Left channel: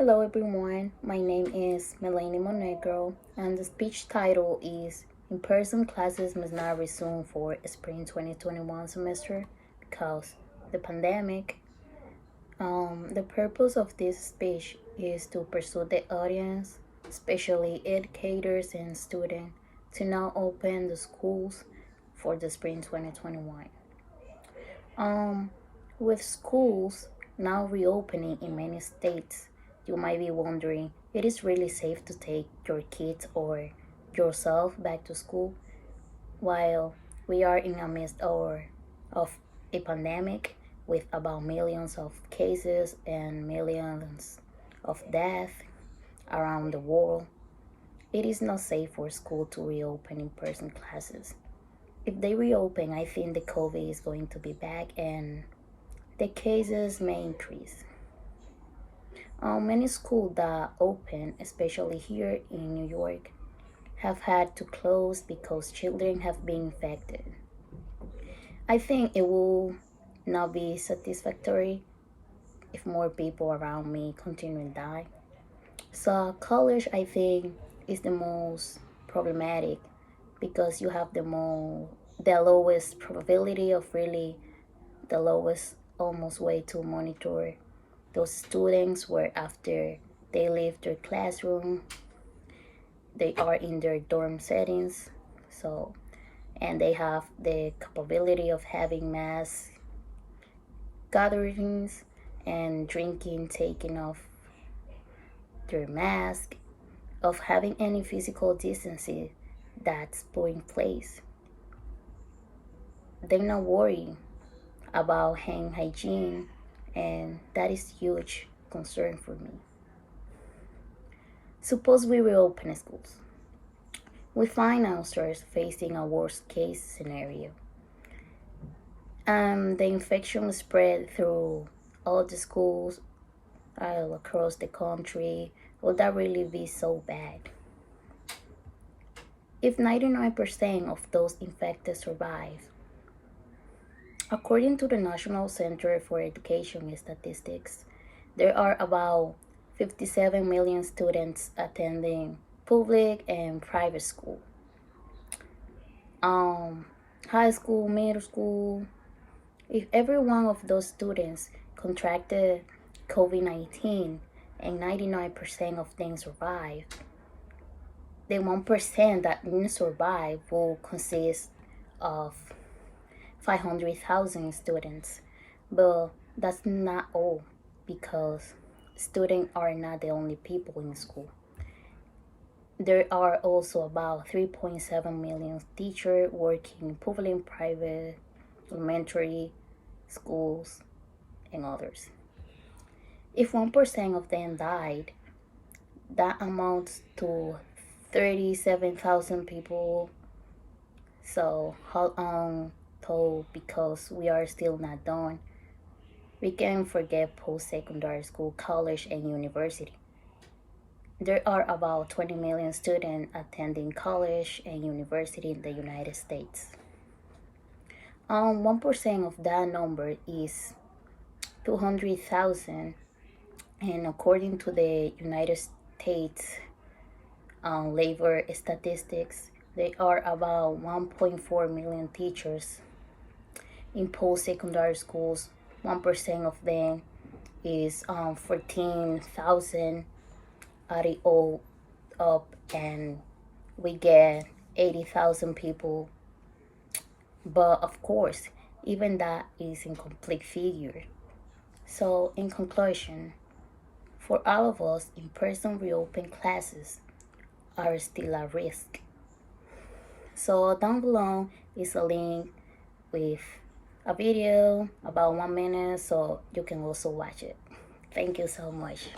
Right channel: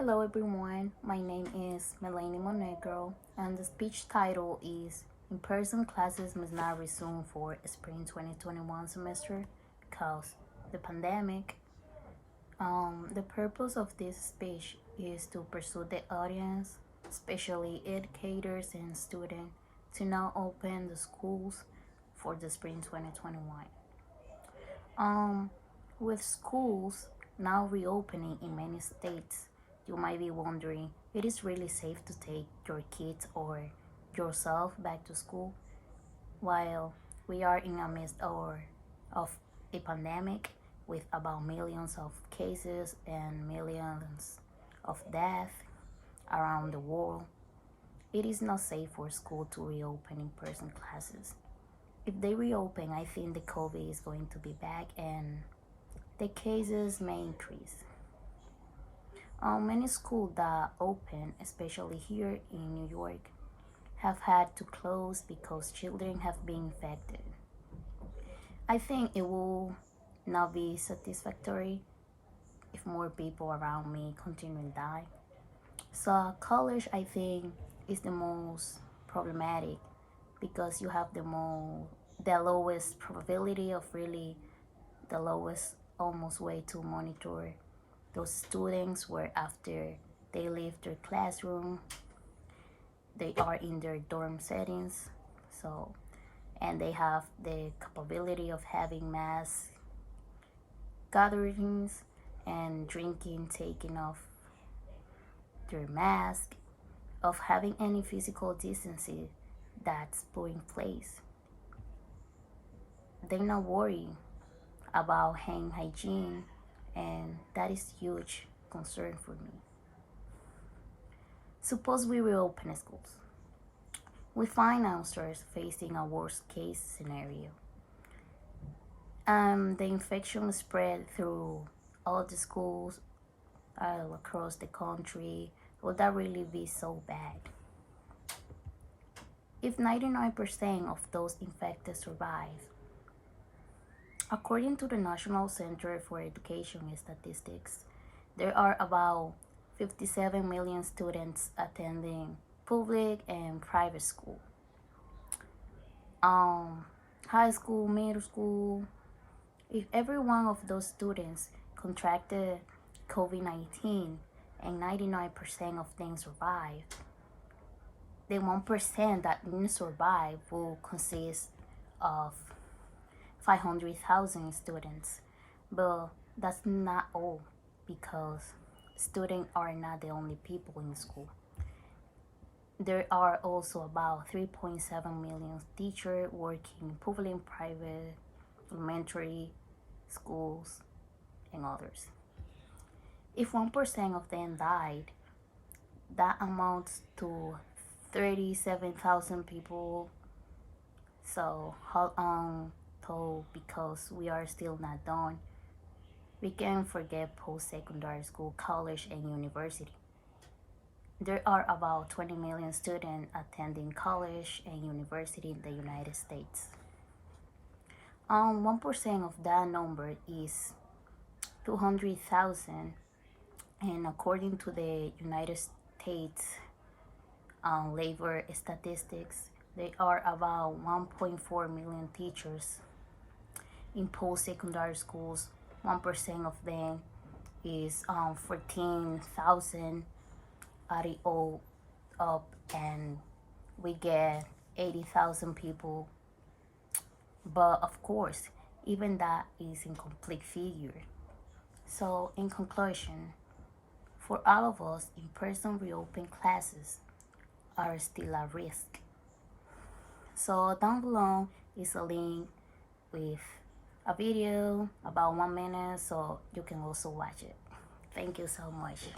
Hello everyone, my name is Melanie Monegro and the speech title is In-Person Classes Must Not Resume for Spring 2021 semester because the pandemic. The purpose of this speech is to pursue the audience, especially educators and students, to now open the schools for the spring 2021. Um, with schools now reopening in many states, you might be wondering, it is really safe to take your kids or yourself back to school while we are in the midst of a pandemic with about millions of cases and millions of deaths around the world. It is not safe for school to reopen in-person classes. If they reopen, I think the COVID is going to be back and the cases may increase. Many schools that open, especially here in New York, have had to close because children have been infected. I think it will not be satisfactory if more people around me continue to die. So college, I think, is the most problematic because you have the lowest probability of really the lowest almost way to monitor those students where after they leave their classroom they are in their dorm settings, so and they have the capability of having mass gatherings and drinking, taking off their mask, of having any physical distancing that's put in place. They're not worried about hand hygiene, and that is huge concern for me. Suppose we reopen schools. We find ourselves facing a worst case scenario. The infection spread through all the schools all across the country. Would that really be so bad? If 99% of those infected survive, according to the National Center for Education Statistics, there are about 57 million students attending public and private school. High school, middle school. If every one of those students contracted COVID-19 and 99% of them survive, the 1% that didn't survive will consist of 500,000 students. But that's not all because students are not the only people in school. There are also about 3.7 million teachers working in public and private elementary schools and others. If 1% of them died, that amounts to 37,000 people. So how long told, because we are still not done, we can forget post-secondary school, college, and university. There are about 20 million students attending college and university in the United States. 1% of that number is 200,000, and according to the United States labor statistics, there are about 1.4 million teachers in post-secondary schools. 1% of them is 14,000 added all up, and we get 80,000 people. But of course, even that is incomplete figure. So in conclusion, for all of us, in-person reopen classes are still a risk. So down below is a link with a video about 1 minute, so you can also watch it. Thank you so much.